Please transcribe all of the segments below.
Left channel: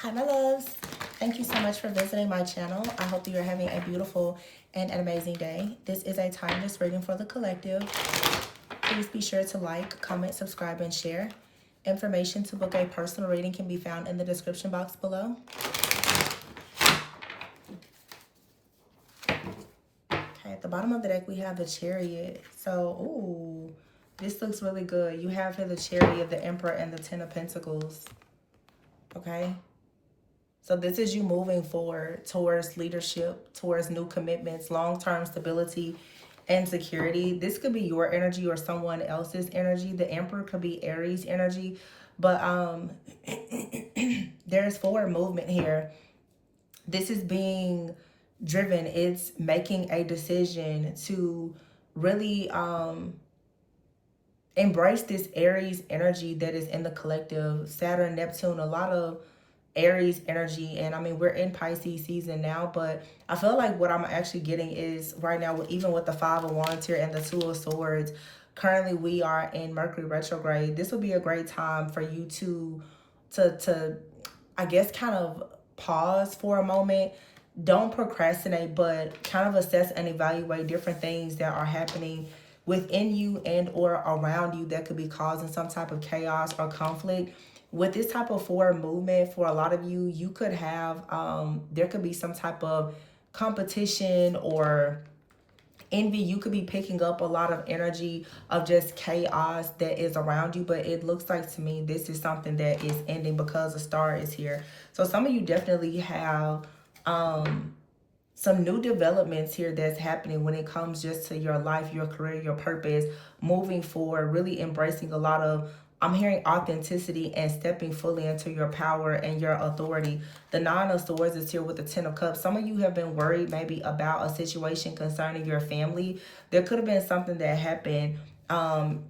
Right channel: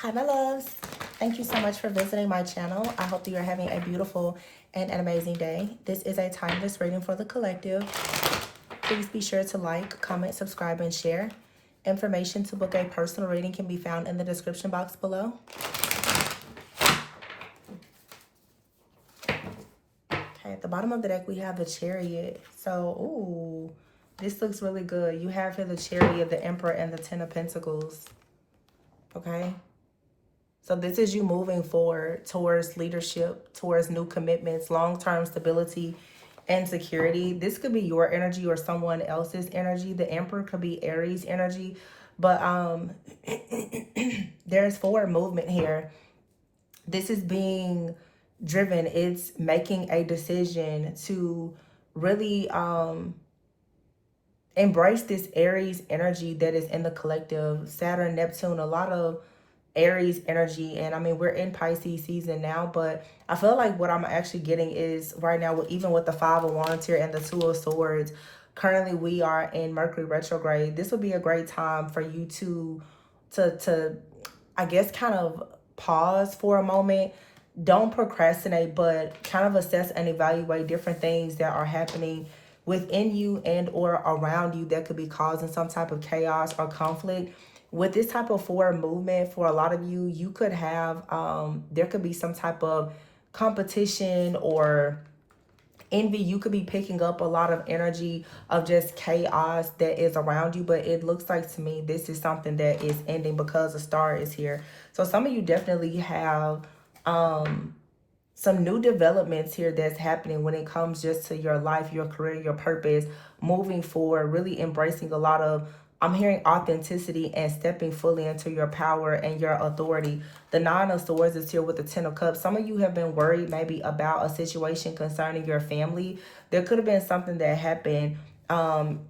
Hi, my loves. Thank you so much for visiting my channel. I hope that you're having a beautiful and an amazing day. This is a timeless reading for the collective. Please be sure to like, comment, subscribe, and share. Information to book a personal reading can be found in the description box below. Okay, at the bottom of the deck, we have the Chariot. So, ooh, this looks really good. You have here the Chariot, the Emperor, and the Ten of Pentacles. Okay. So this is you moving forward towards leadership, towards new commitments, long-term stability and security. This could be your energy or someone else's energy. The Emperor could be Aries energy. But there's forward movement here. This is being driven. It's making a decision to really embrace this Aries energy that is in the collective. Saturn, Neptune, a lot of Aries energy. And I mean, we're in Pisces season now, but I feel like what I'm actually getting is right now, even with the Five of Wands here and the Two of Swords, currently we are in Mercury retrograde. This would be a great time for you to I guess kind of pause for a moment. Don't procrastinate, but kind of assess and evaluate different things that are happening within you and or around you that could be causing some type of chaos or conflict. With this type of forward movement, for a lot of you, you could have there could be some type of competition or envy. You could be picking up a lot of energy of just chaos that is around you, but it looks like to me this is something that is ending because the star is here. So some of you definitely have some new developments here that's happening when it comes just to your life, your career, your purpose, moving forward, really embracing a lot of, I'm hearing authenticity and stepping fully into your power and your authority. The Nine of Swords is here with the Ten of Cups. Some of you have been worried maybe about a situation concerning your family. There could have been something that happened and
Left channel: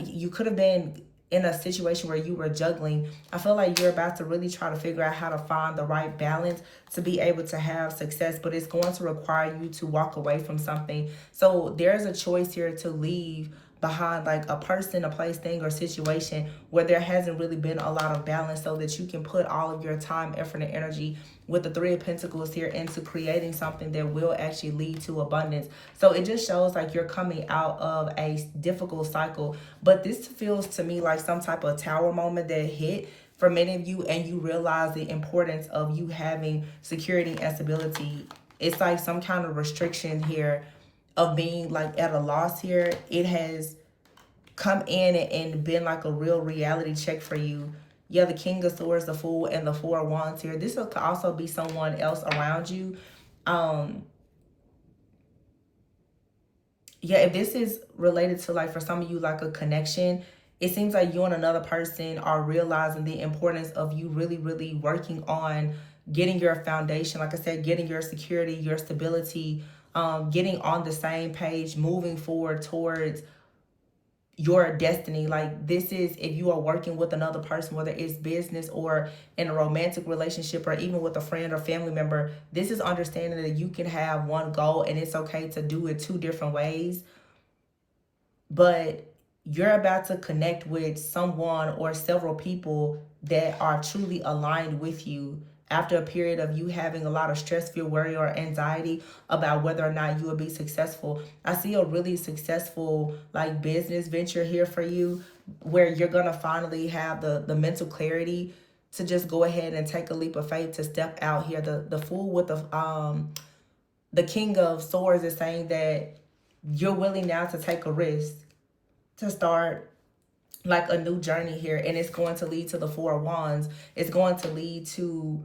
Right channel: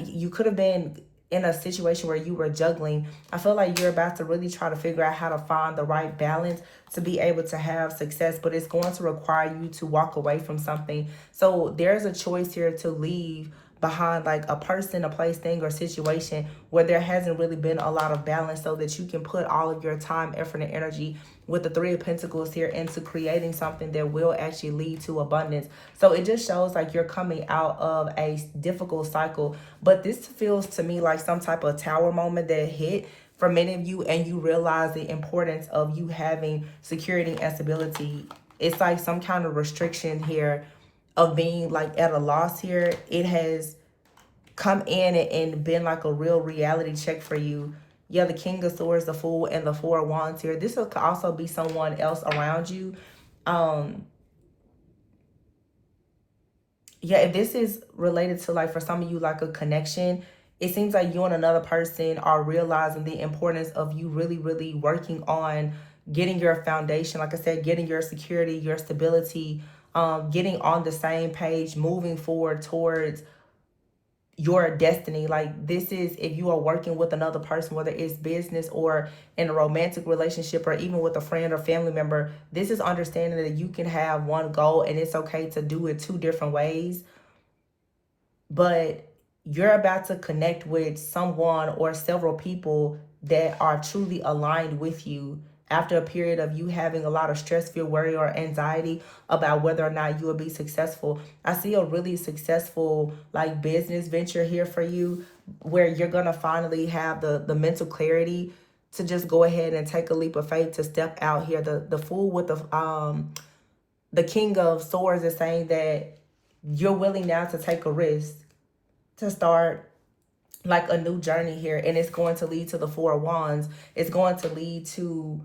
you could have been in a situation where you were juggling. I feel like you're about to really try to figure out how to find the right balance to be able to have success, but it's going to require you to walk away from something. So there's a choice here to leave behind like a person, a place, thing, or situation where there hasn't really been a lot of balance so that you can put all of your time, effort, and energy with the Three of Pentacles here into creating something that will actually lead to abundance. So it just shows like you're coming out of a difficult cycle. But this feels to me like some type of tower moment that hit for many of you, and you realize the importance of you having security and stability. It's like some kind of restriction here of being like at a loss here. It has come in and been like a real reality check for you. Yeah, the King of Swords, the Fool, and the Four of Wands here. This will also be someone else around you. Yeah, if this is related to like for some of you like a connection, it seems like you and another person are realizing the importance of you really, really working on getting your foundation. Like I said, getting your security, your stability, getting on the same page, moving forward towards your destiny. Like this is, if you are working with another person, whether it's business or in a romantic relationship or even with a friend or family member, this is understanding that you can have one goal and it's okay to do it two different ways. But you're about to connect with someone or several people that are truly aligned with you after a period of you having a lot of stress, fear, worry, or anxiety about whether or not you will be successful. I see a really successful like business venture here for you where you're going to finally have the mental clarity to just go ahead and take a leap of faith to step out here. The Fool with the King of Swords is saying that you're willing now to take a risk to start like a new journey here, and it's going to lead to the Four of Wands. It's going to lead to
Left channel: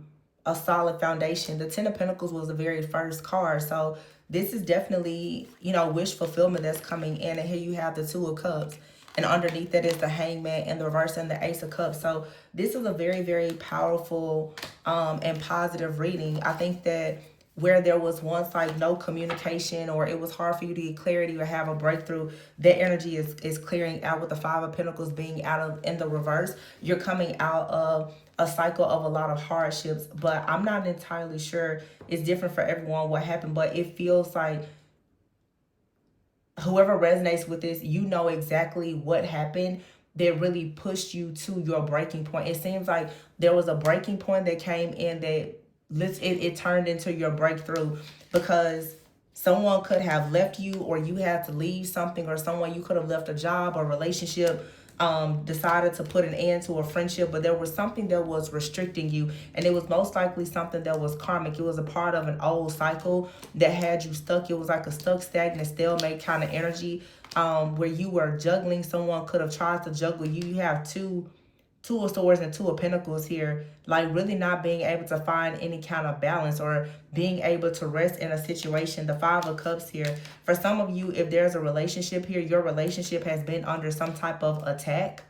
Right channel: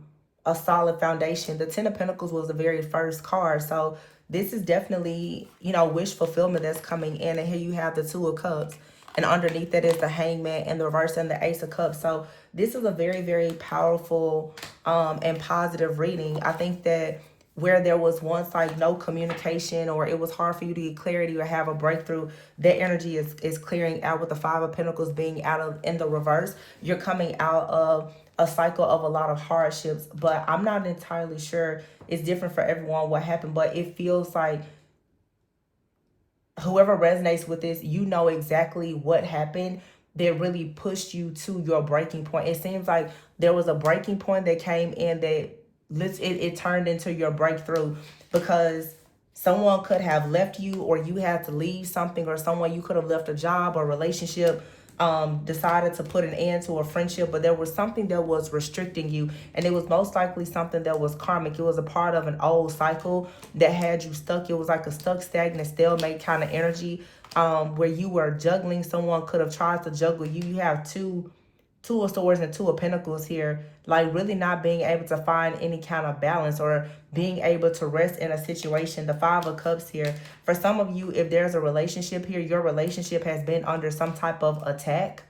a solid foundation. The Ten of Pentacles was the very first card, so this is definitely, you know, wish fulfillment that's coming in. And here you have the Two of Cups, and underneath that is the Hangman and the reverse and the Ace of Cups. So this is a very, very powerful and positive reading. I think that where there was once like no communication or it was hard for you to get clarity or have a breakthrough, that energy is clearing out with the Five of Pentacles being out of in the reverse. You're coming out of a cycle of a lot of hardships, but I'm not entirely sure. It's different for everyone what happened, but it feels like whoever resonates with this, you know exactly what happened that really pushed you to your breaking point. It seems like there was a breaking point that came in that it turned into your breakthrough, because someone could have left you, or you had to leave something, or someone, you could have left a job or relationship, decided to put an end to a friendship, but there was something that was restricting you, and it was most likely something that was karmic. It was a part of an old cycle that had you stuck. It was like a stuck, stagnant, stalemate kind of energy, where you were juggling. Someone could have tried to juggle you. You have two of swords and two of pentacles here, like really not being able to find any kind of balance or being able to rest in a situation. The Five of Cups here, for some of you, if there's a relationship here, your relationship has been under some type of attack,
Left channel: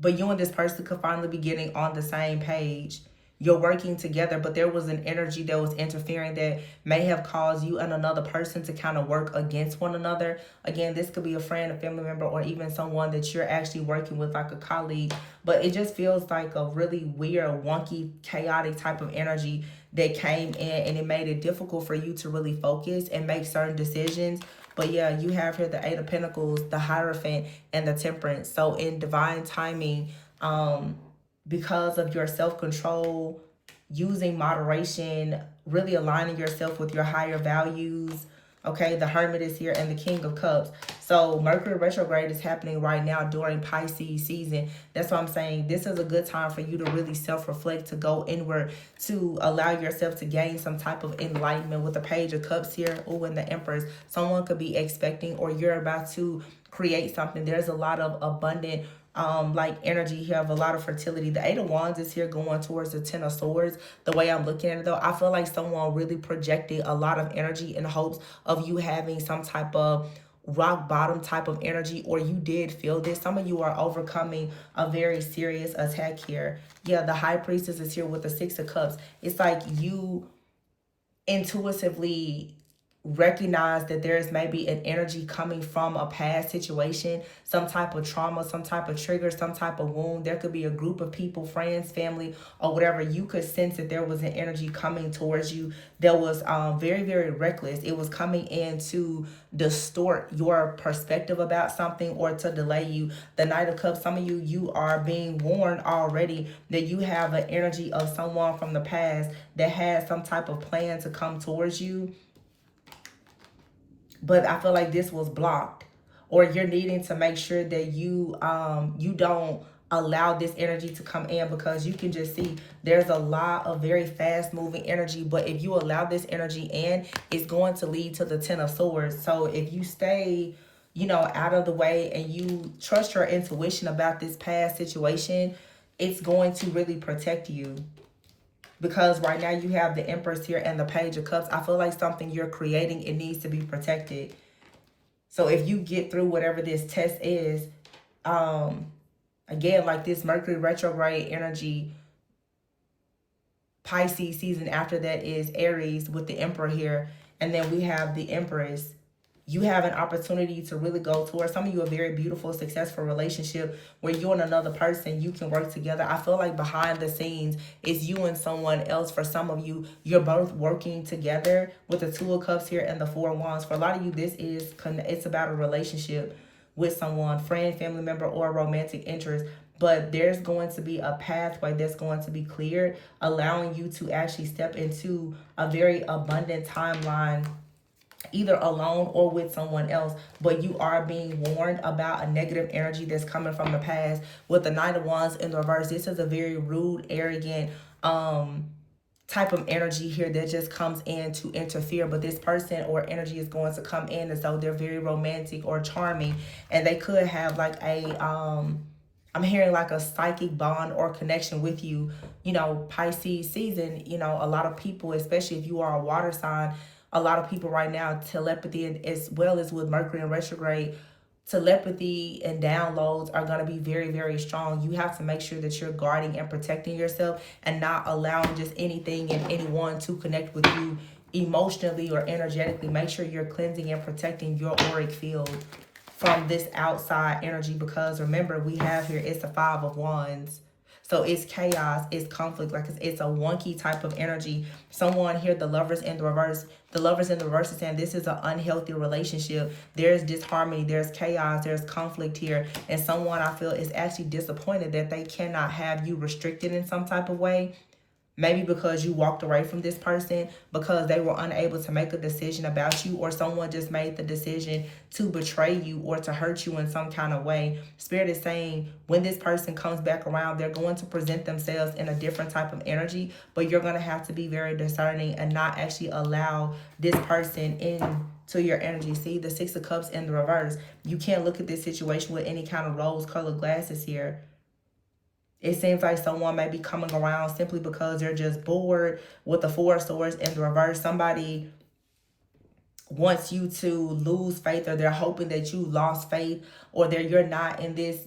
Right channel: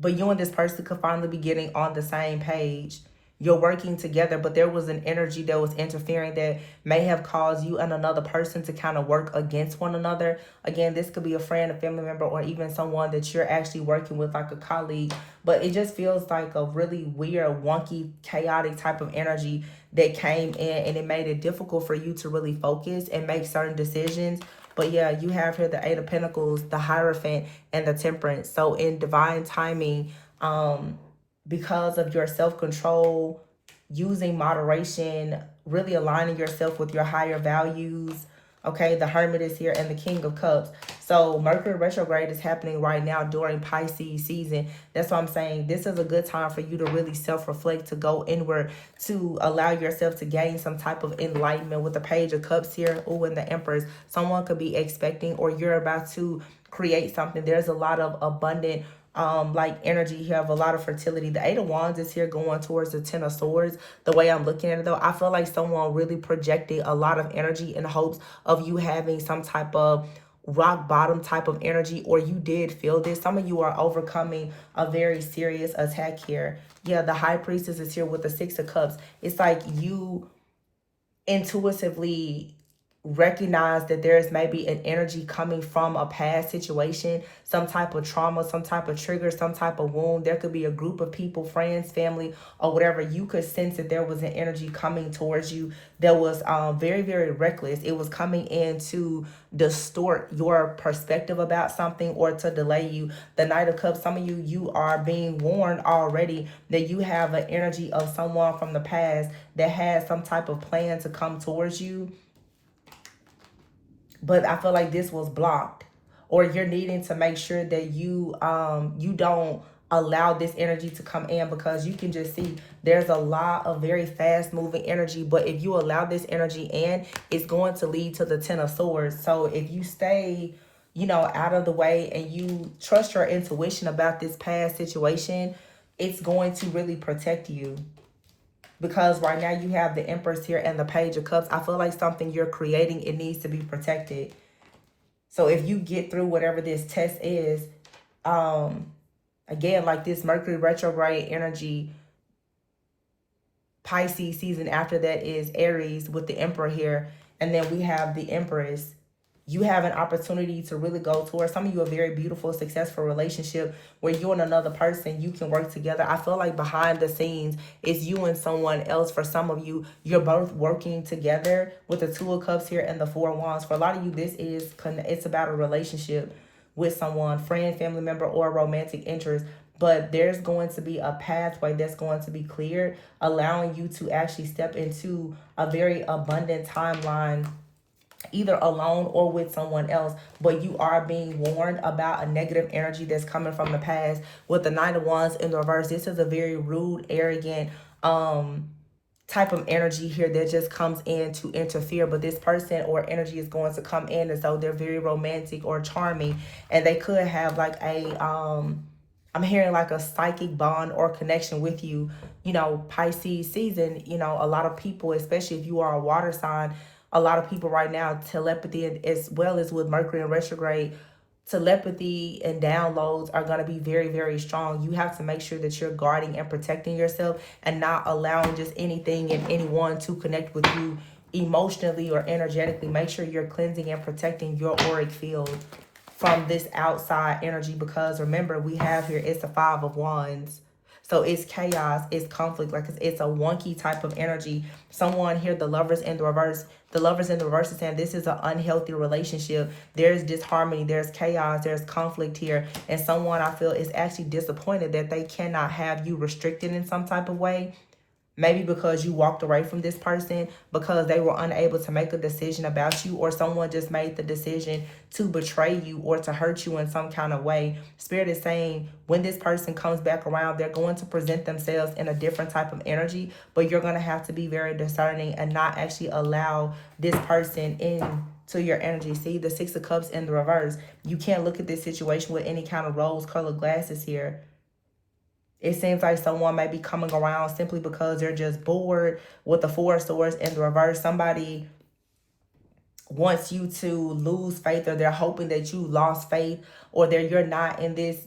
but you and this person could finally be getting on the same page. You're working together, but there was an energy that was interfering that may have caused you and another person to kind of work against one another. Again, this could be a friend, a family member, or even someone that you're actually working with, like a colleague. But it just feels like a really weird, wonky, chaotic type of energy that came in, and it made it difficult for you to really focus and make certain decisions. But yeah, you have here the Eight of Pentacles, the Hierophant, and the Temperance. So in divine timing, because of your self-control, using moderation, really aligning yourself with your higher values. Okay, the Hermit is here and the King of Cups. So Mercury retrograde is happening right now during Pisces season. That's why I'm saying this is a good time for you to really self-reflect, to go inward, to allow yourself to gain some type of enlightenment. With the Page of Cups here, oh, and the Empress, someone could be expecting, or you're about to create something. There's a lot of abundant like energy here of a lot of fertility. The Eight of Wands is here going towards the Ten of Swords. The way I'm looking at it though, I feel like someone really projected a lot of energy in hopes of you having some type of rock bottom type of energy, or you did feel this. Some of you are overcoming a very serious attack here. Yeah, the High Priestess is here with the Six of Cups. It's like you intuitively recognize that there's maybe an energy coming from a past situation, some type of trauma, some type of trigger, some type of wound. There could be a group of people, friends, family, or whatever. You could sense that there was an energy coming towards you that was very, very reckless. It was coming in to distort your perspective about something, or to delay you. The Knight of Cups, some of you, you are being warned already that you have an energy of someone from the past that has some type of plan to come towards you. But I feel like this was blocked, or you're needing to make sure that you don't allow this energy to come in, because you can just see there's a lot of very fast moving energy. But if you allow this energy in, it's going to lead to the Ten of Swords. So if you stay, you know, out of the way, and you trust your intuition about this past situation, it's going to really protect you. Because right now you have the Empress here and the Page of Cups. I feel like something you're creating, it needs to be protected. So if you get through whatever this test is, again, like this Mercury retrograde energy, Pisces season after that is Aries with the Emperor here. And then we have the Empress. You have an opportunity to really go towards, some of you, a very beautiful, successful relationship where you and another person, you can work together. I feel like behind the scenes, it's you and someone else. For some of you, you're both working together with the Two of Cups here and the Four of Wands. For a lot of you, it's about a relationship with someone, friend, family member, or romantic interest. But there's going to be a pathway that's going to be cleared, allowing you to actually step into a very abundant timeline, either alone or with someone else. But you are being warned about a negative energy that's coming from the past. With the Knight of Wands in reverse, this is a very rude, arrogant type of energy here that just comes in to interfere. But this person or energy is going to come in as though they're very romantic or charming, and they could have like a I'm hearing like a psychic bond or connection with you. You know, Pisces season, you know, a lot of people, especially if you are a water sign, a lot of people right now, telepathy, as well as with Mercury in retrograde, telepathy and downloads are going to be very, very strong. You have to make sure that you're guarding and protecting yourself, and not allowing just anything and anyone to connect with you emotionally or energetically. Make sure you're cleansing and protecting your auric field from this outside energy, because remember, we have here, it's the Five of Wands. So it's chaos, it's conflict, like it's a wonky type of energy. Someone here, the lovers in the reverse. The lovers in the reverse is saying this is an unhealthy relationship. There's disharmony, there's chaos, there's conflict here. And someone I feel is actually disappointed that they cannot have you restricted in some type of way. Maybe because you walked away from this person, because they were unable to make a decision about you, or someone just made the decision to betray you or to hurt you in some kind of way. Spirit is saying when this person comes back around, they're going to present themselves in a different type of energy, but you're going to have to be very discerning and not actually allow this person in to your energy. See, the Six of Cups in the reverse. You can't look at this situation with any kind of rose-colored glasses here. It seems like someone may be coming around simply because they're just bored with the Four of Swords in the reverse. Somebody wants you to lose faith, or they're hoping that you lost faith, or that you're not in this,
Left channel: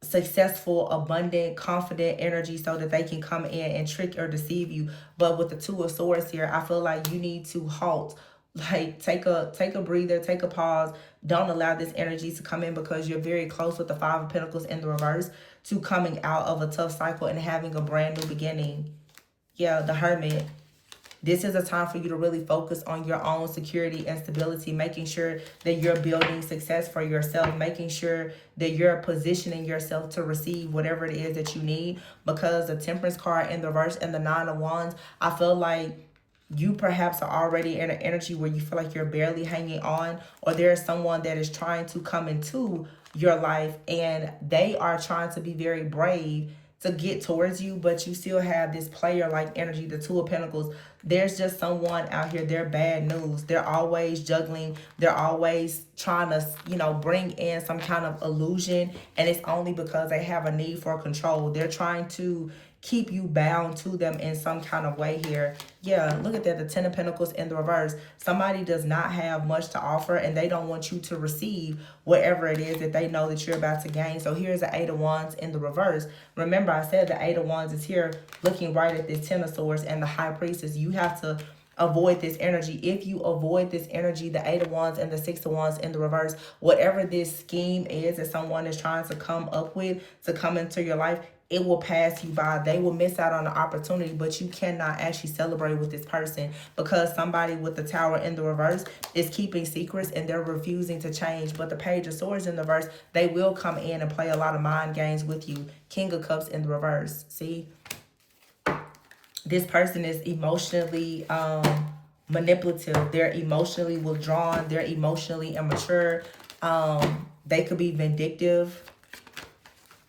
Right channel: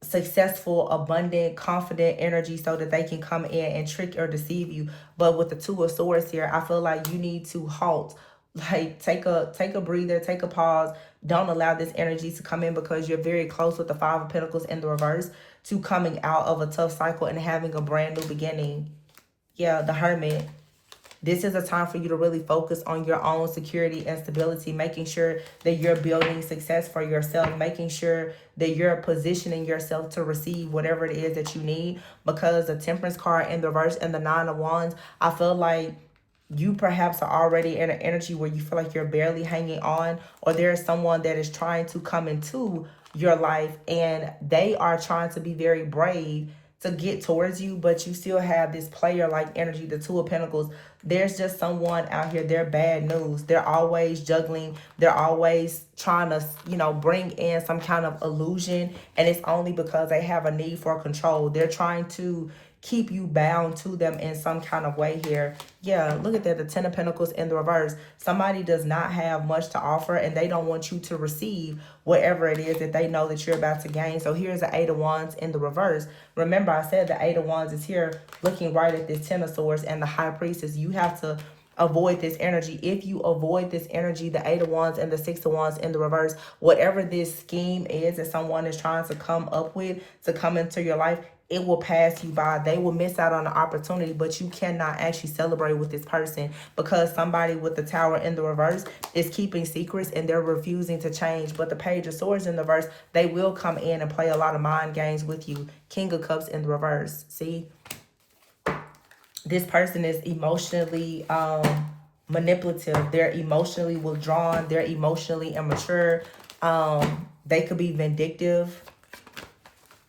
successful, abundant, confident energy so that they can come in and trick or deceive you. But with the Two of Swords here, I feel like you need to halt. Like take a breather, take a pause. Don't allow this energy to come in, because you're very close with the Five of Pentacles in the reverse to coming out of a tough cycle and having a brand new beginning. Yeah, the Hermit. This is a time for you to really focus on your own security and stability, making sure that you're building success for yourself, making sure that you're positioning yourself to receive whatever it is that you need. Because the Temperance card in the reverse and the Nine of Wands, I feel like you perhaps are already in an energy where you feel like you're barely hanging on, or there's someone that is trying to come into your life and they are trying to be very brave to get towards you, but you still have this player like energy, the Two of Pentacles. There's just someone out here, they're bad news. They're always juggling. They're always trying to, bring in some kind of illusion, and it's only because they have a need for control. They're trying to keep you bound to them in some kind of way here. Yeah, look at that, the Ten of Pentacles in the reverse. Somebody does not have much to offer, and they don't want you to receive whatever it is that they know that you're about to gain. So here's the Eight of Wands in the reverse. Remember, I said the Eight of Wands is here looking right at this Ten of Swords and the High Priestess. You have to avoid this energy. If you avoid this energy, the Eight of Wands and the Six of Wands in the reverse, whatever this scheme is that someone is trying to come up with to come into your life, it will pass you by. They will miss out on the opportunity, but you cannot actually celebrate with this person, because somebody with the Tower in the reverse is keeping secrets and they're refusing to change. But the Page of Swords in the reverse, they will come in and play a lot of mind games with you. King of Cups in the reverse. See? This person is emotionally manipulative. They're emotionally withdrawn. They're emotionally immature. They could be vindictive.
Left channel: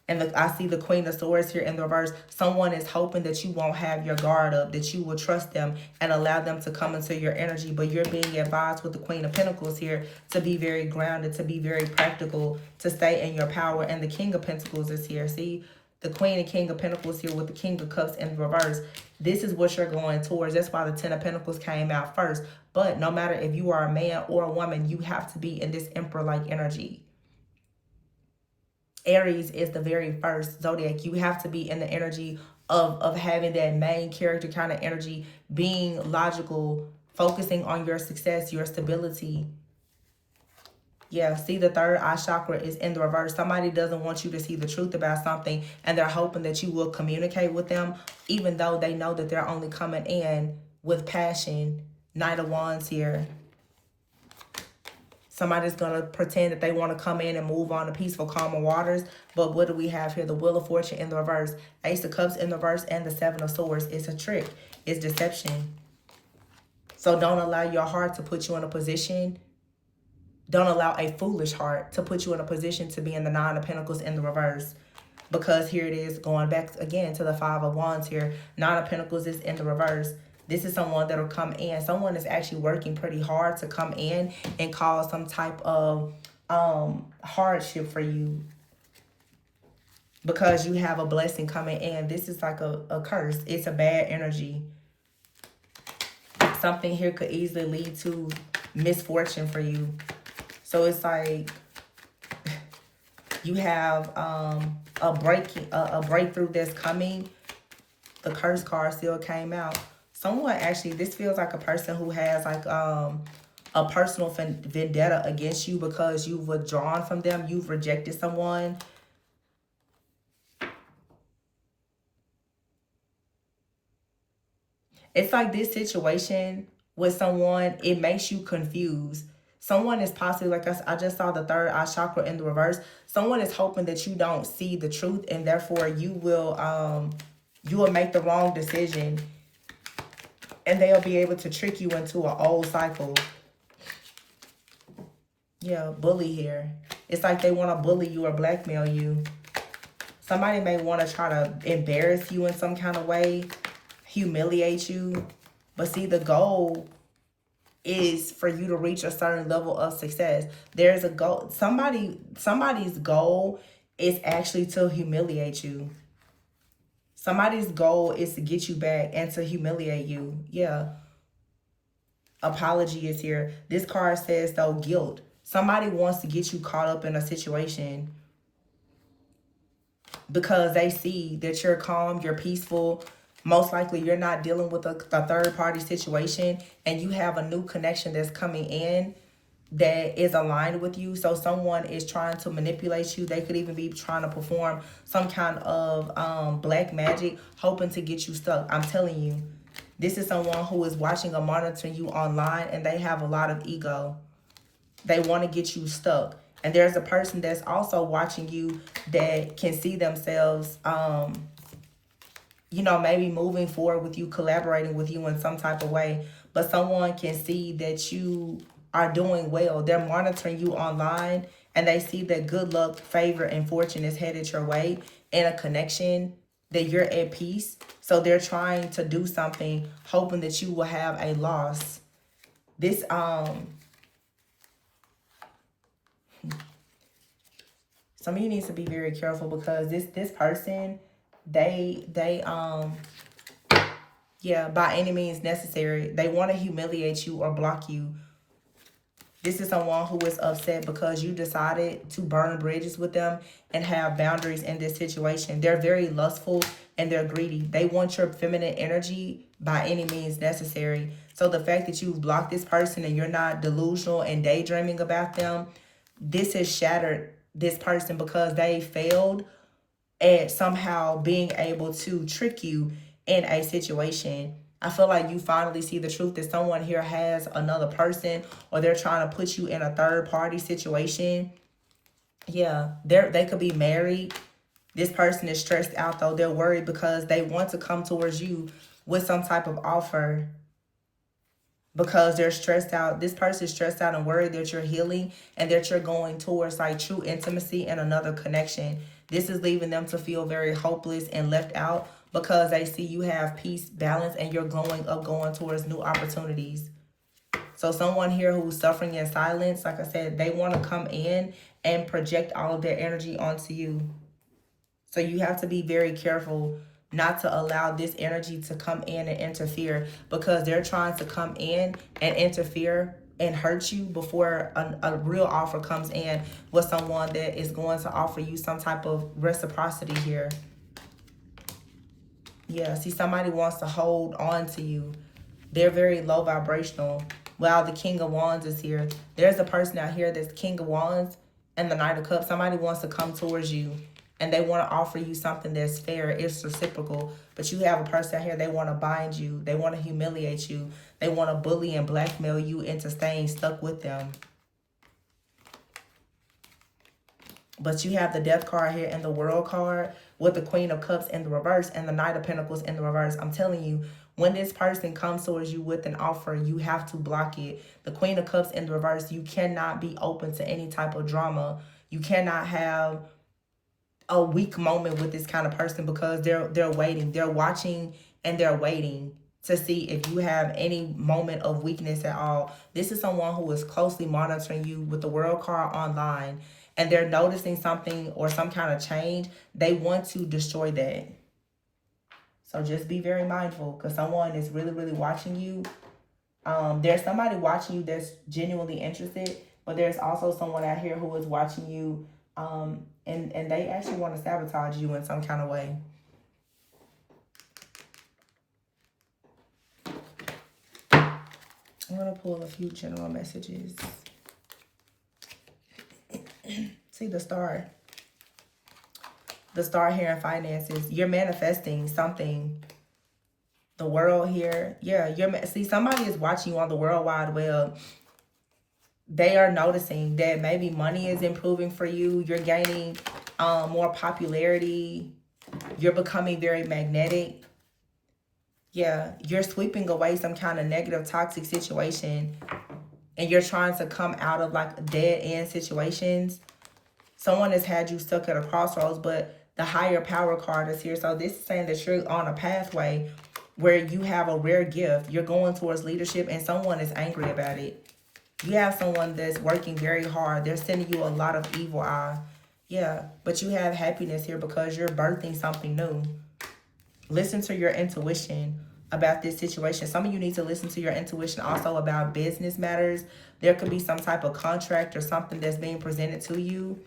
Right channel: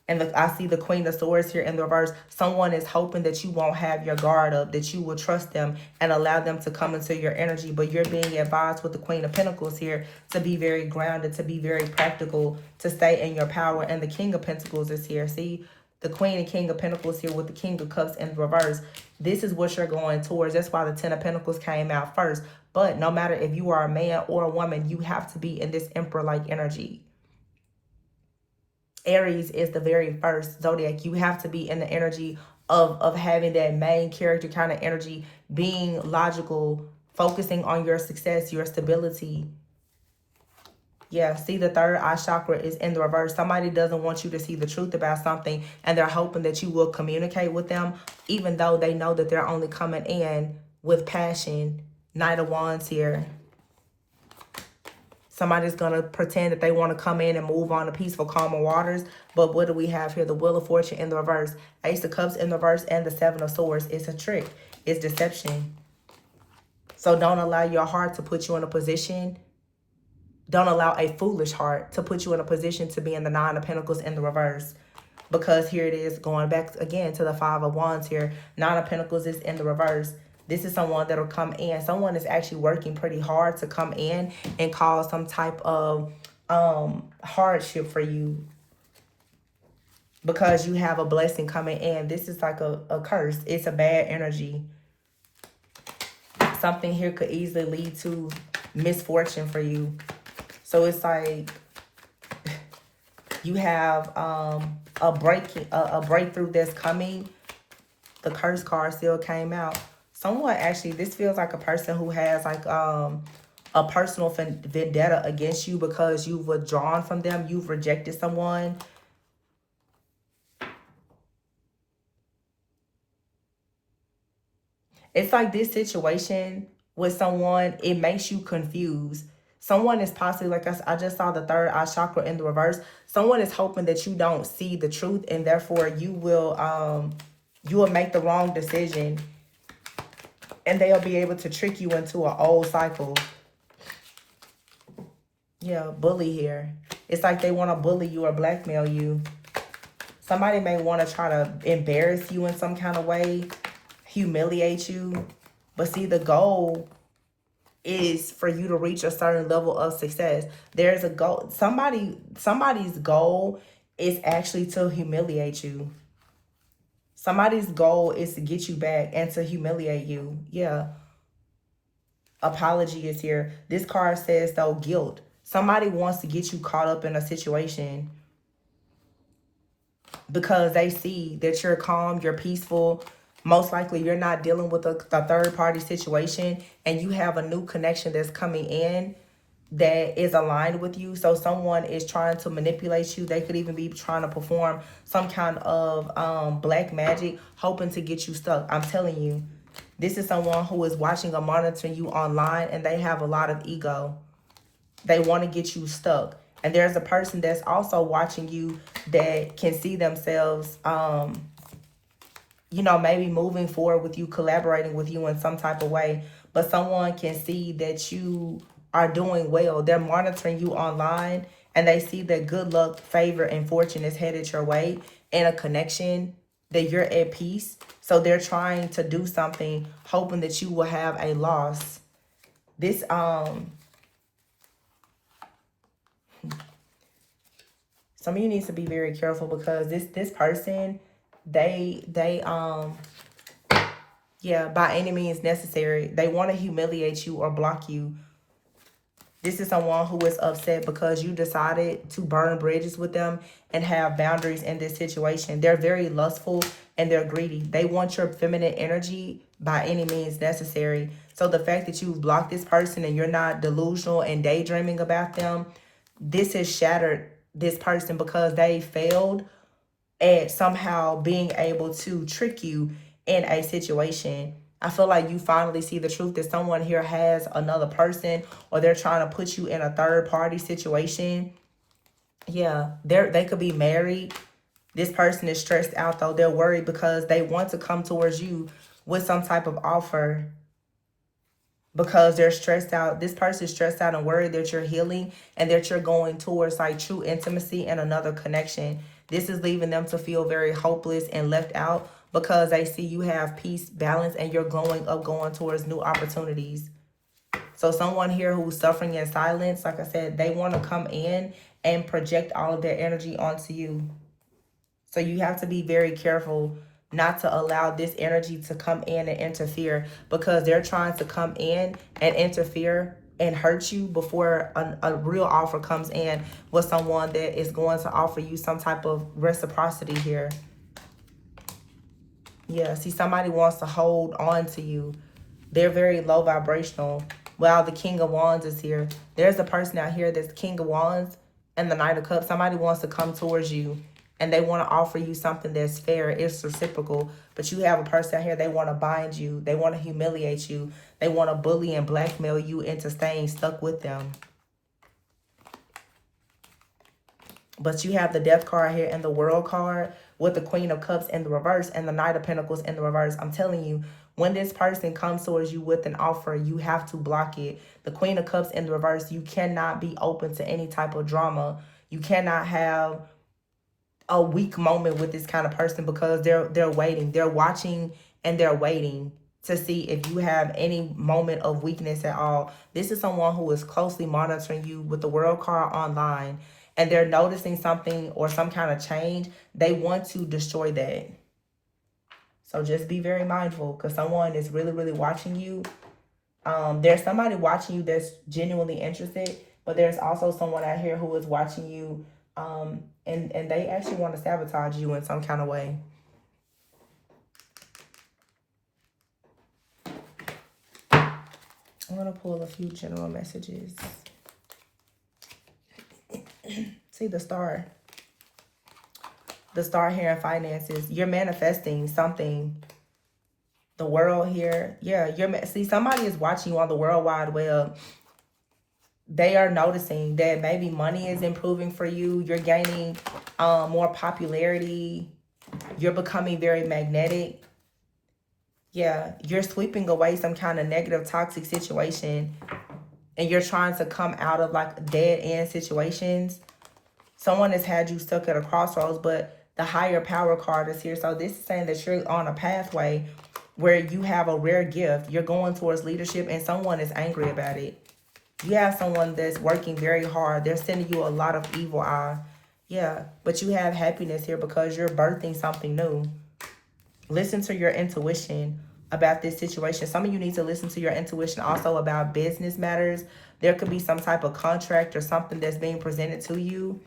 And look, I see the Queen of Swords here in the reverse. Someone is hoping that you won't have your guard up, that you will trust them and allow them to come into your energy. But you're being advised with the Queen of Pentacles here to be very grounded, to be very practical, to stay in your power. And the King of Pentacles is here. See, the Queen and King of Pentacles here with the King of Cups in reverse. This is what you're going towards. That's why the Ten of Pentacles came out first. But no matter if you are a man or a woman, you have to be in this Emperor-like energy. Aries is the very first zodiac. You have to be in the energy of having that main character kind of energy, being logical, focusing on your success, your stability. Yeah, see, the third eye chakra is in the reverse. Somebody doesn't want you to see the truth about something, and they're hoping that you will communicate with them, even though they know that they're only coming in with passion. Knight of Wands here. Somebody's going to pretend that they want to come in and move on to peaceful, calmer waters. But what do we have here? The Wheel of Fortune in the reverse. Ace of Cups in the reverse and the Seven of Swords. It's a trick. It's deception. So don't allow your heart to put you in a position. Don't allow a foolish heart to put you in a position to be in the Nine of Pentacles in the reverse. Because here it is, going back again to the Five of Wands here. Nine of Pentacles is in the reverse. This is someone that will come in. Someone is actually working pretty hard to come in and cause some type of hardship for you, because you have a blessing coming in. This is like a curse. It's a bad energy. Something here could easily lead to misfortune for you. So it's like you have a breakthrough that's coming. The curse card still came out. Someone actually, this feels like a person who has like a personal vendetta against you because you've withdrawn from them. You've rejected someone. It's like this situation with someone, it makes you confused. Someone is possibly, like I just saw the third eye chakra in the reverse. Someone is hoping that you don't see the truth, and therefore you will make the wrong decision, and they'll be able to trick you into an old cycle. Yeah, bully here. It's like they want to bully you or blackmail you. Somebody may want to try to embarrass you in some kind of way, humiliate you. But see, the goal is for you to reach a certain level of success. There's a goal. Somebody's goal is actually to humiliate you. Somebody's goal is to get you back and to humiliate you. Yeah. Apology is here. This card says, though, guilt. Somebody wants to get you caught up in a situation because they see that you're calm, you're peaceful. Most likely you're not dealing with a third party situation, and you have a new connection that's coming in that is aligned with you. So someone is trying to manipulate you. They could even be trying to perform some kind of black magic, hoping to get you stuck. I'm telling you, this is someone who is watching or monitoring you online, and they have a lot of ego. They want to get you stuck. And there's a person that's also watching you that can see themselves, you know, maybe moving forward with you, collaborating with you in some type of way. But someone can see that you are doing well. They're monitoring you online, and they see that good luck, favor, and fortune is headed your way in a connection, that you're at peace. So they're trying to do something, hoping that you will have a loss. This, some of you need to be very careful, because this person, yeah, by any means necessary, they want to humiliate you or block you. This is someone who is upset because you decided to burn bridges with them and have boundaries in this situation. They're very lustful and they're greedy. They want your feminine energy by any means necessary. So the fact that you've blocked this person and you're not delusional and daydreaming about them, this has shattered this person because they failed at somehow being able to trick you in a situation. I feel like you finally see the truth that someone here has another person, or they're trying to put you in a third party situation. Yeah, they could be married. This person is stressed out though. They're worried because they want to come towards you with some type of offer, because they're stressed out. This person is stressed out and worried that you're healing and that you're going towards like true intimacy and another connection. This is leaving them to feel very hopeless and left out, because they see you have peace, balance, and you're going towards new opportunities. So someone here who's suffering in silence, like I said, they want to come in and project all of their energy onto you. So you have to be very careful not to allow this energy to come in and interfere, because they're trying to come in and interfere and hurt you before a real offer comes in with someone that is going to offer you some type of reciprocity here. Yeah, see, somebody wants to hold on to you. They're very low vibrational. Well, the King of Wands is here. There's a person out here that's King of Wands and the Knight of Cups. Somebody wants to come towards you and they want to offer you something that's fair. It's reciprocal. But you have a person out here, they want to bind you. They want to humiliate you. They want to bully and blackmail you into staying stuck with them. But you have the Death card here and the World card with the Queen of Cups in the reverse and the Knight of Pentacles in the reverse. I'm telling you, when this person comes towards you with an offer, you have to block it. The Queen of Cups in the reverse, you cannot be open to any type of drama. You cannot have a weak moment with this kind of person, because they're waiting. They're watching and they're waiting to see if you have any moment of weakness at all. This is someone who is closely monitoring you with the World card online, and they're noticing something or some kind of change. They want to destroy that. So just be very mindful, because someone is really, really watching you. There's somebody watching you that's genuinely interested, but there's also someone out here who is watching you, and they actually want to sabotage you in some kind of way. I'm going to pull a few general messages. See the star. The star here in finances. You're manifesting something. The world here. Yeah, see, somebody is watching you on the World Wide Web. They are noticing that maybe money is improving for you. You're gaining more popularity. You're becoming very magnetic. Yeah, you're sweeping away some kind of negative, toxic situation, and you're trying to come out of like dead end situations. Someone has had you stuck at a crossroads, but the higher power card is here. So this is saying that you're on a pathway where you have a rare gift. You're going towards leadership, and someone is angry about it. You have someone that's working very hard. They're sending you a lot of evil eye. Yeah, but you have happiness here because you're birthing something new. Listen to your intuition about this situation. Some of you need to listen to your intuition also about business matters. There could be some type of contract or something that's being presented to you.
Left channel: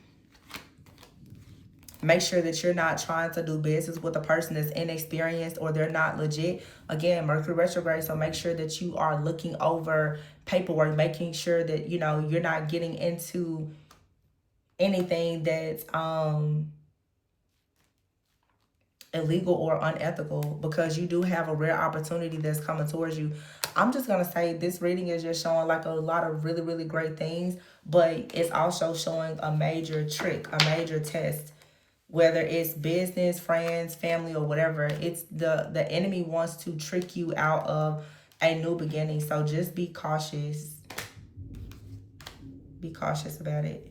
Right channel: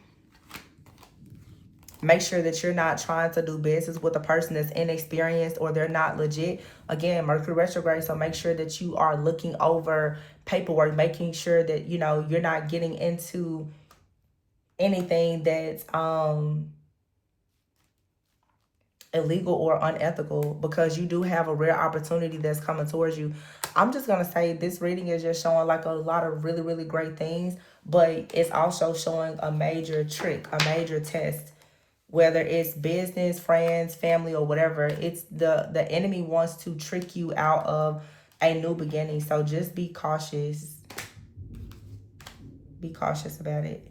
Make sure that you're not trying to do business with a person that's inexperienced or they're not legit. Again, Mercury retrograde, so make sure that you are looking over paperwork, making sure that, you know, you're not getting into anything that's illegal or unethical, because you do have a rare opportunity that's coming towards you. I'm just going to say this reading is just showing like a lot of really, really great things, but it's also showing a major trick, a major test. Whether it's business, friends, family, or whatever, it's the enemy wants to trick you out of a new beginning. So just be cautious. Be cautious about it.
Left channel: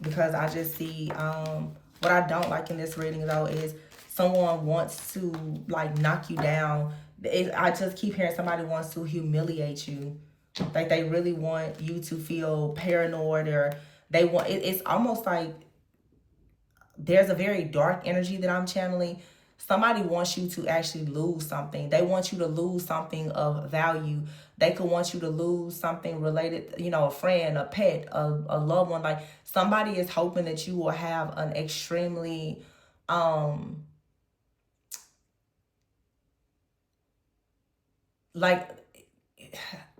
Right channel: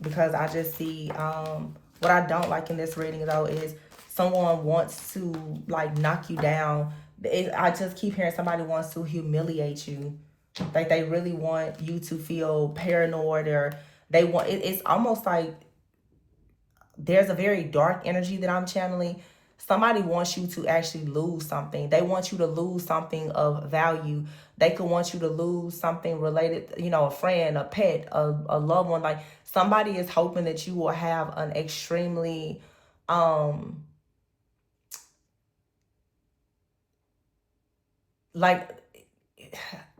Because I just see, what I don't like in this reading though is someone wants to like knock you down. I just keep hearing somebody wants to humiliate you. Like they really want you to feel paranoid, or they want, it's almost like there's a very dark energy that I'm channeling. Somebody wants you to actually lose something. They want you to lose something of value. They could want you to lose something related, you know, a friend, a pet, a loved one. Like somebody is hoping that you will have an extremely, like,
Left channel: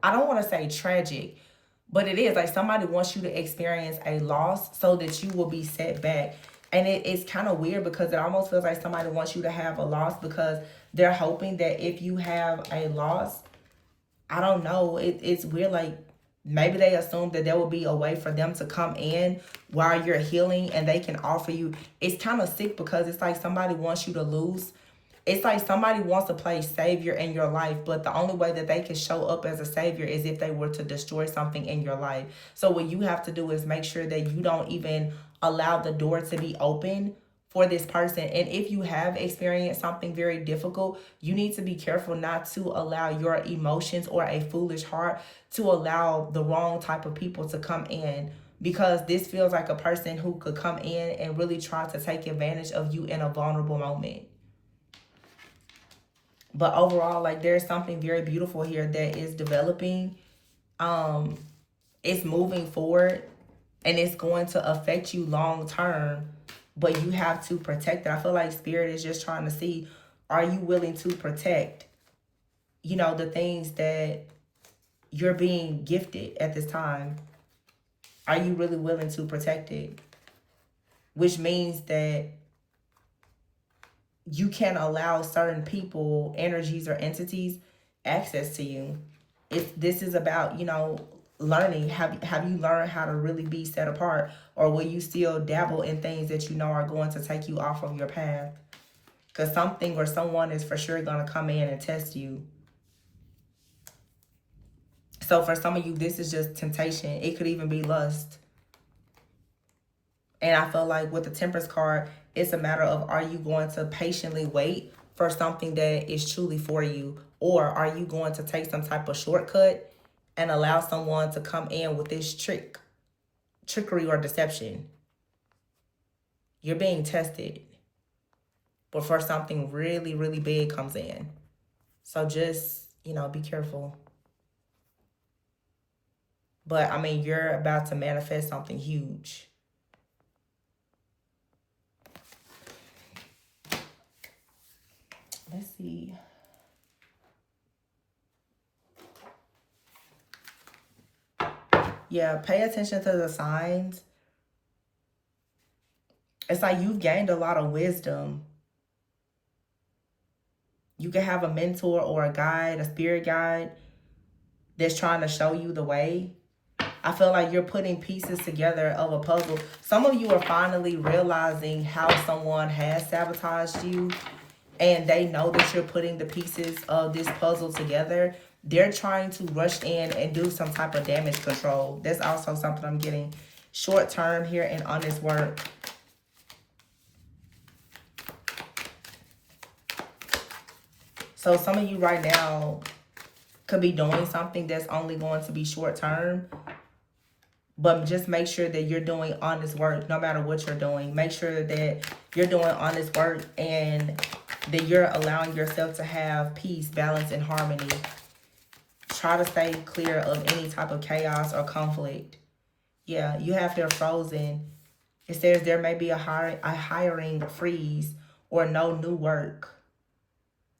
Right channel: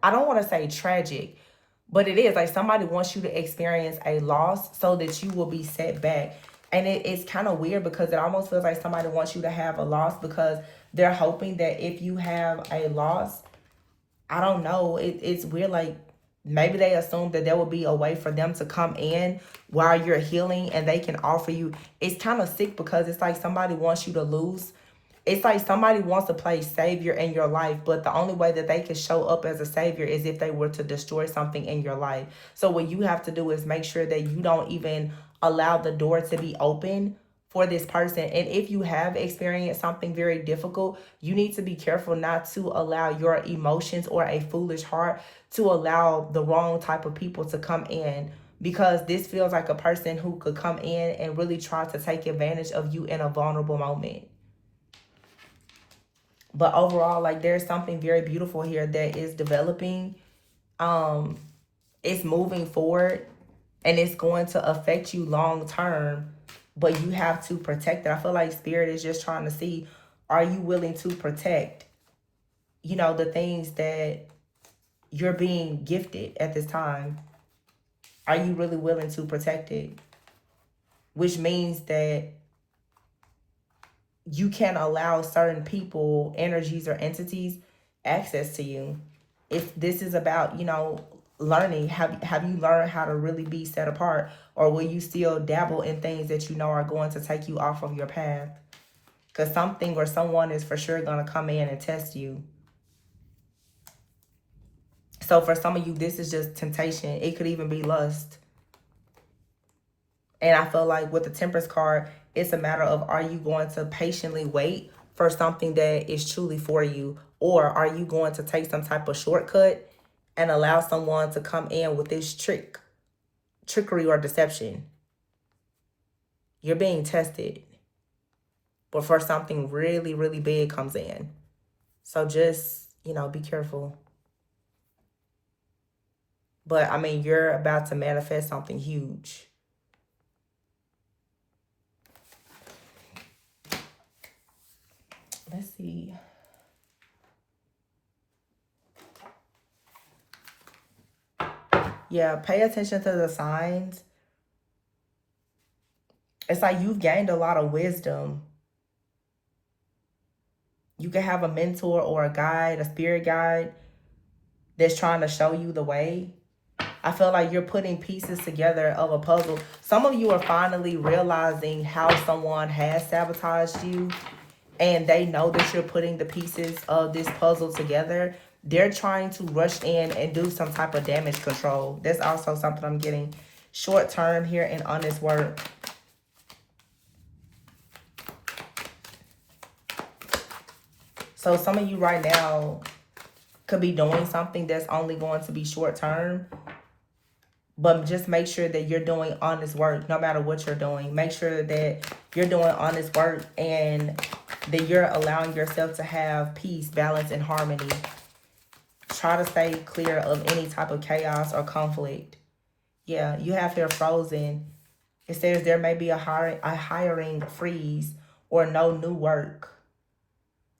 I don't want to say tragic, but it is like somebody wants you to experience a loss so that you will be set back. And it's kind of weird because it almost feels like somebody wants you to have a loss because they're hoping that if you have a loss, I don't know, it's weird. Like maybe they assume that there will be a way for them to come in while you're healing and they can offer you. It's kind of sick because it's like somebody wants you to lose. It's like somebody wants to play savior in your life, but the only way that they can show up as a savior is if they were to destroy something in your life. So what you have to do is make sure that you don't even allow the door to be open for this person. And if you have experienced something very difficult, you need to be careful not to allow your emotions or a foolish heart to allow the wrong type of people to come in, because this feels like a person who could come in and really try to take advantage of you in a vulnerable moment. But overall, like there's something very beautiful here that is developing. It's moving forward and it's going to affect you long term, but you have to protect it. I feel like spirit is just trying to see, are you willing to protect, you know, the things that you're being gifted at this time? Are you really willing to protect it? Which means that you can't allow certain people, energies, or entities access to you. If this is about, you know, learning, have you learned how to really be set apart, or will you still dabble in things that you know are going to take you off of your path? Because something or someone is for sure going to come in and test you. So for some of you, this is just temptation. It could even be lust. And I feel like with the Temperance card, it's a matter of, are you going to patiently wait for something that is truly for you? Or are you going to take some type of shortcut and allow someone to come in with this trickery or deception? You're being tested before something really, really big comes in. So just, you know, be careful. But I mean, you're about to manifest something huge. Let's see. Yeah, pay attention to the signs. It's like you've gained a lot of wisdom. You can have a mentor or a guide, a spirit guide that's trying to show you the way. I feel like you're putting pieces together of a puzzle. Some of you are finally realizing how someone has sabotaged you, and they know that you're putting the pieces of this puzzle together. They're trying to rush in and do some type of damage control. That's also something I'm getting. Short term here and honest work. So some of you right now could be doing something that's only going to be short term. But just make sure that you're doing honest work no matter what you're doing. Make sure that you're doing honest work and that you're allowing yourself to have peace, balance, and harmony. Try to stay clear of any type of chaos or conflict. Yeah, you have here frozen. It says there may be a hiring freeze or no new work.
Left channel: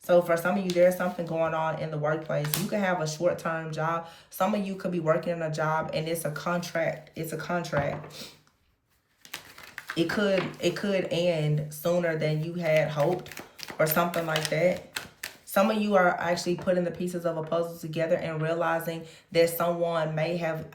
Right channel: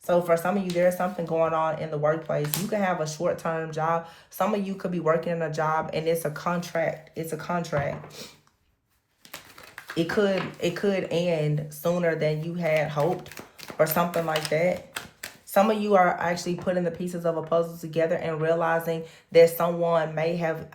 So for some of you, there's something going on in the workplace. You can have a short-term job. Some of you could be working in a job and it's a contract. It's a contract. It could end sooner than you had hoped or something like that. Some of you are actually putting the pieces of a puzzle together and realizing that someone may have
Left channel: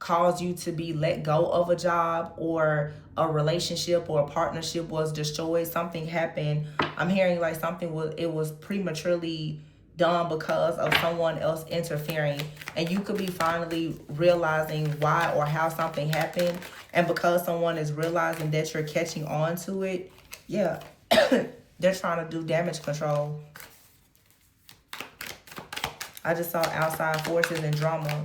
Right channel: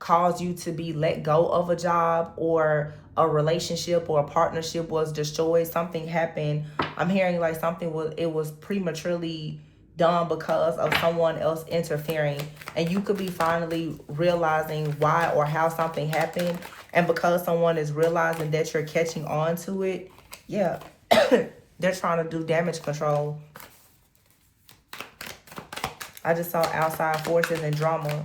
caused you to be let go of a job, or a relationship or a partnership was destroyed. Something happened. I'm hearing like something was prematurely done because of someone else interfering, and you could be finally realizing why or how something happened, and because someone is realizing that you're catching on to it, yeah. They're trying to do damage control. I just saw outside forces and drama.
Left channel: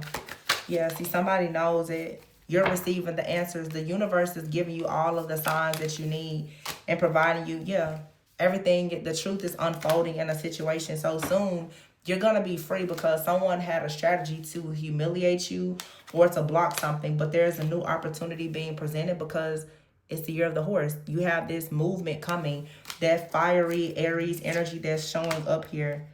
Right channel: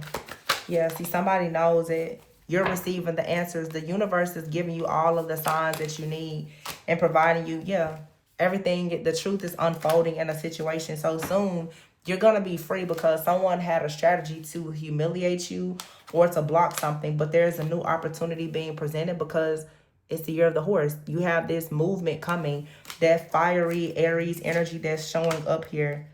Yeah, see, somebody knows it. You're receiving the answers. The universe is giving you all of the signs that you need and providing you, yeah, everything. The truth is unfolding in a situation so soon. You're going to be free because someone had a strategy to humiliate you or to block something. But there's a new opportunity being presented because it's the year of the horse. You have this movement coming, that fiery Aries energy that's showing up here.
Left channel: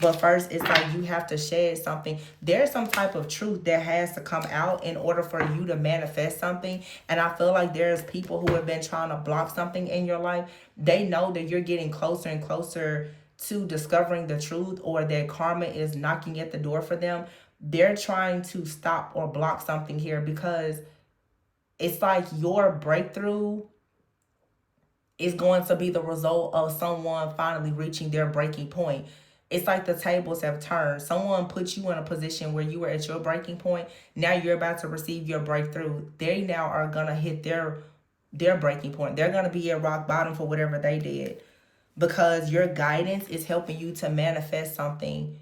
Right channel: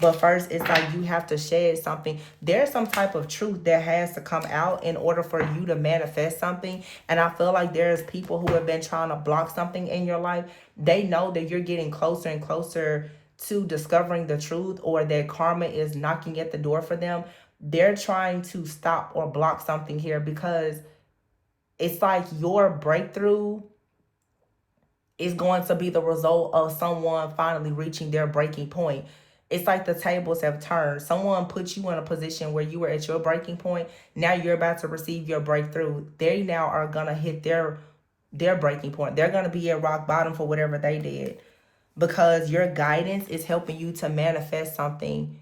But first, it's like you have to shed something. There's some type of truth that has to come out in order for you to manifest something. And I feel like there's people who have been trying to block something in your life. They know that you're getting closer and closer to discovering the truth, or that karma is knocking at the door for them. They're trying to stop or block something here because it's like your breakthrough is going to be the result of someone finally reaching their breaking point. It's like the tables have turned. Someone put you in a position where you were at your breaking point. Now you're about to receive your breakthrough. They now are going to hit their breaking point. They're going to be at rock bottom for whatever they did, because your guidance is helping you to manifest something.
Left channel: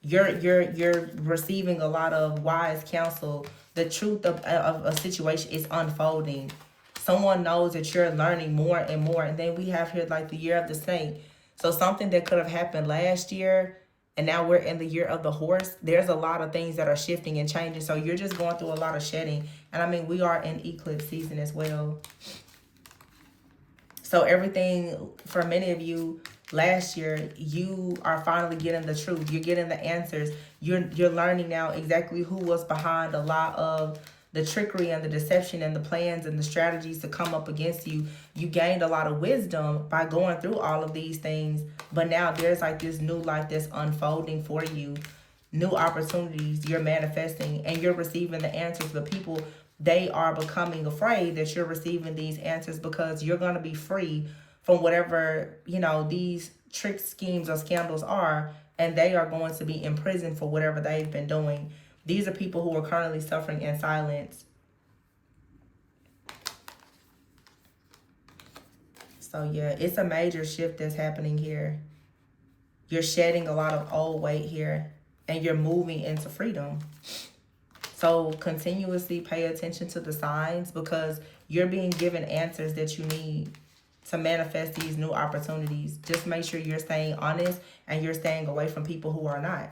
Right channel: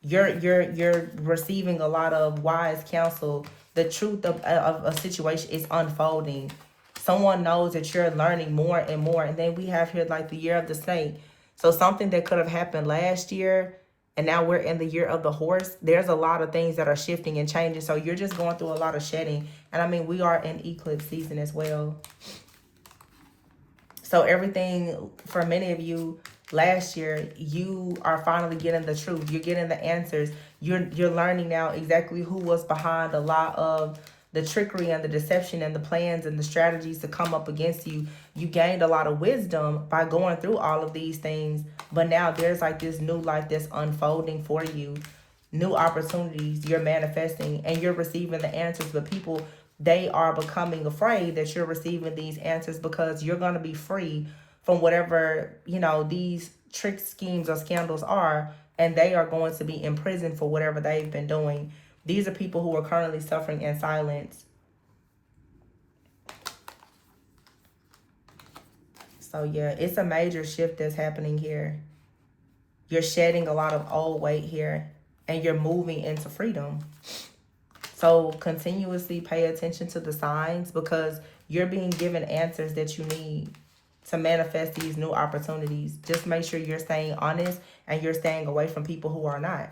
You're receiving a lot of wise counsel. The truth of a situation is unfolding. Someone knows that you're learning more and more. And then we have here like the year of the snake. So something that could have happened last year, and now we're in the year of the horse. There's a lot of things that are shifting and changing. So you're just going through a lot of shedding. And I mean, we are in eclipse season as well. So everything, for many of you, last year, you are finally getting the truth. You're getting the answers. You're learning now exactly who was behind a lot of the trickery and the deception and the plans and the strategies to come up against you. You gained a lot of wisdom by going through all of these things. But now there's like this new life that's unfolding for you. New opportunities you're manifesting, and you're receiving the answers. But people, they are becoming afraid that you're receiving these answers because you're going to be free from whatever, these trick schemes or scandals are, and they are going to be in prison for whatever they've been doing. These are people who are currently suffering in silence. So yeah, it's a major shift that's happening here. You're shedding a lot of old weight here, and you're moving into freedom. So continuously pay attention to the signs, because you're being given answers that you need to manifest these new opportunities. Just make sure you're staying honest and you're staying away from people who are not.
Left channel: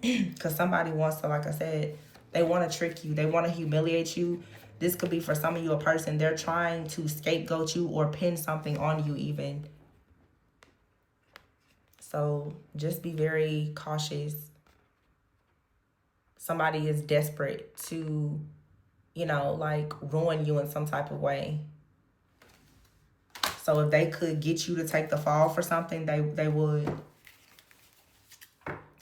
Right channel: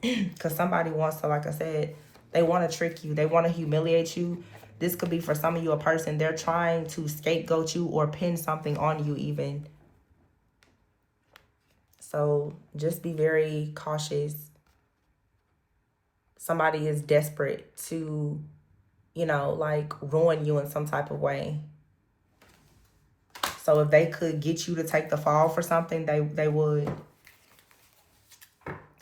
Because somebody wants to, like I said, they want to trick you. They want to humiliate you. This could be, for some of you, a person. They're trying to scapegoat you or pin something on you even. So just be very cautious. Somebody is desperate to, like ruin you in some type of way. So if they could get you to take the fall for something, they would.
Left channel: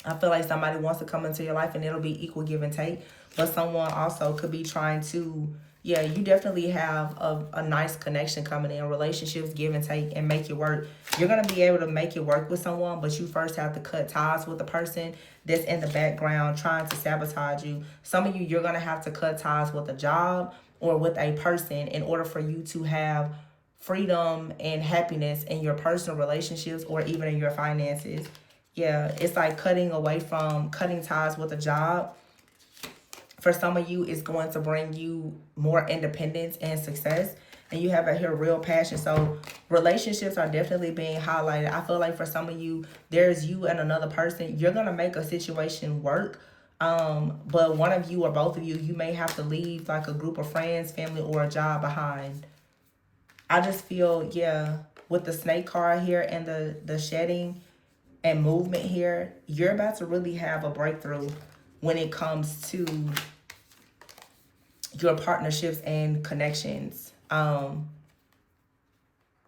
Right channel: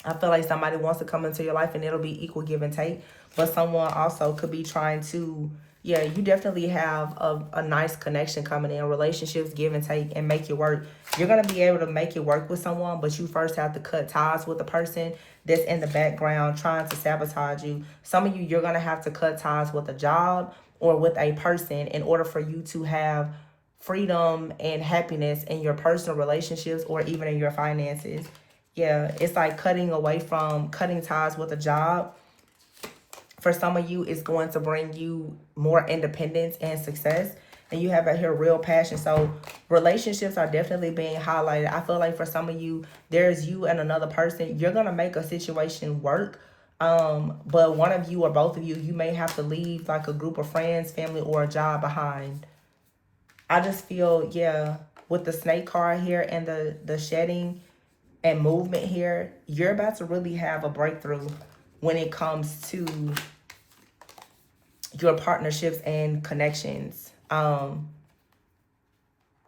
I feel like somebody wants to come into your life and it'll be equal give and take. But someone also could be trying to, yeah, you definitely have a nice connection coming in. Relationships give and take and make it work. You're going to be able to make it work with someone, but you first have to cut ties with the person that's in the background trying to sabotage you. Some of you, you're going to have to cut ties with a job or with a person in order for you to have freedom and happiness in your personal relationships or even in your finances. Yeah, it's like cutting ties with a job. For some of you, it's going to bring you more independence and success. And you have out here real passion. So relationships are definitely being highlighted. I feel like for some of you, there's you and another person. You're going to make a situation work. But one of you or both of you, you may have to leave like a group of friends, family, or a job behind. I just feel, yeah, with the snake card here and the shedding and movement here, you're about to really have a breakthrough when it comes to your partnerships and connections.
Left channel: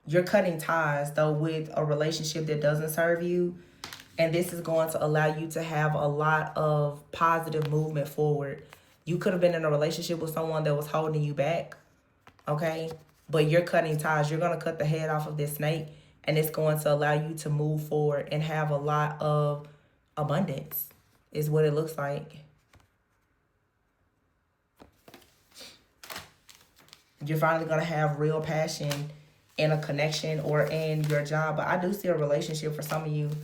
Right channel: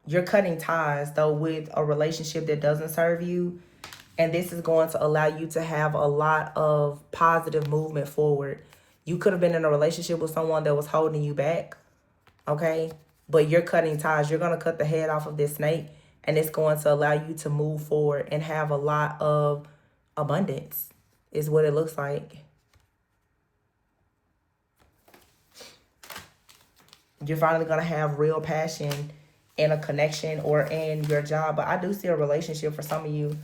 You're cutting ties though with a relationship that doesn't serve you, and this is going to allow you to have a lot of positive movement forward. You could have been in a relationship with someone that was holding you back, okay? But you're cutting ties. You're going to cut the head off of this snake, and it's going to allow you to move forward and have a lot of abundance is what it looks like. You're finally going to have real passion in a connection or in your job. But I do see a relationship for some of you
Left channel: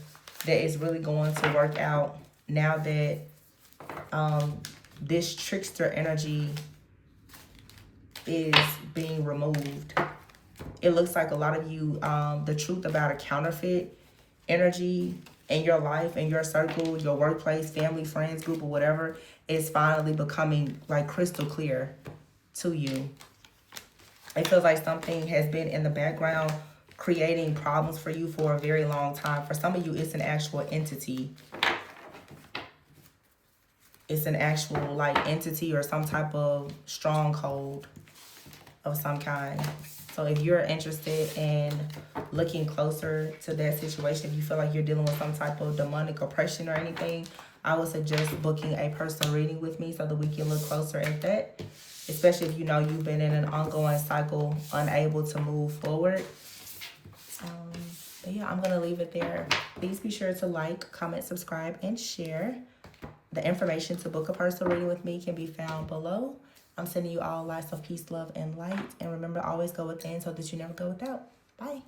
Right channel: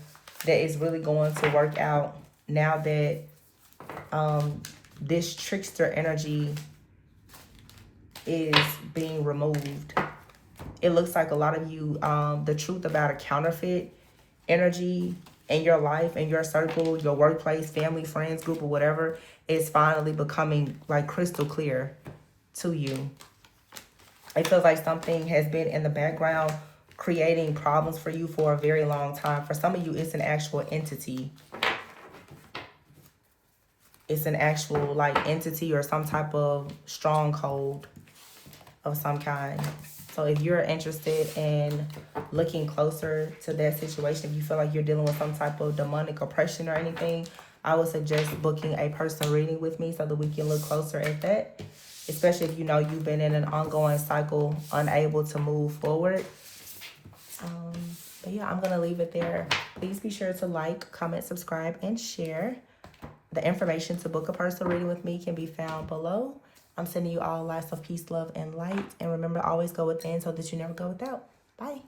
that is really going to work out now that this trickster energy is being removed. It looks like a lot of you, the truth about a counterfeit energy in your life, in your circle, your workplace, family, friends group, or whatever, is finally becoming like crystal clear to you. It feels like something has been in the background creating problems for you for a very long time. For some of you, it's an actual entity. It's an actual like entity or some type of stronghold of some kind. So if you're interested in looking closer to that situation, if you feel like you're dealing with some type of demonic oppression or anything, I would suggest booking a personal reading with me so that we can look closer at that. Especially if you know you've been in an ongoing cycle, unable to move forward. But yeah, I'm going to leave it there. Please be sure to like, comment, subscribe, and share. The information to book a personal reading with me can be found below. I'm sending you all lots of peace, love, and light. And remember to always go within so that you never go without. Bye.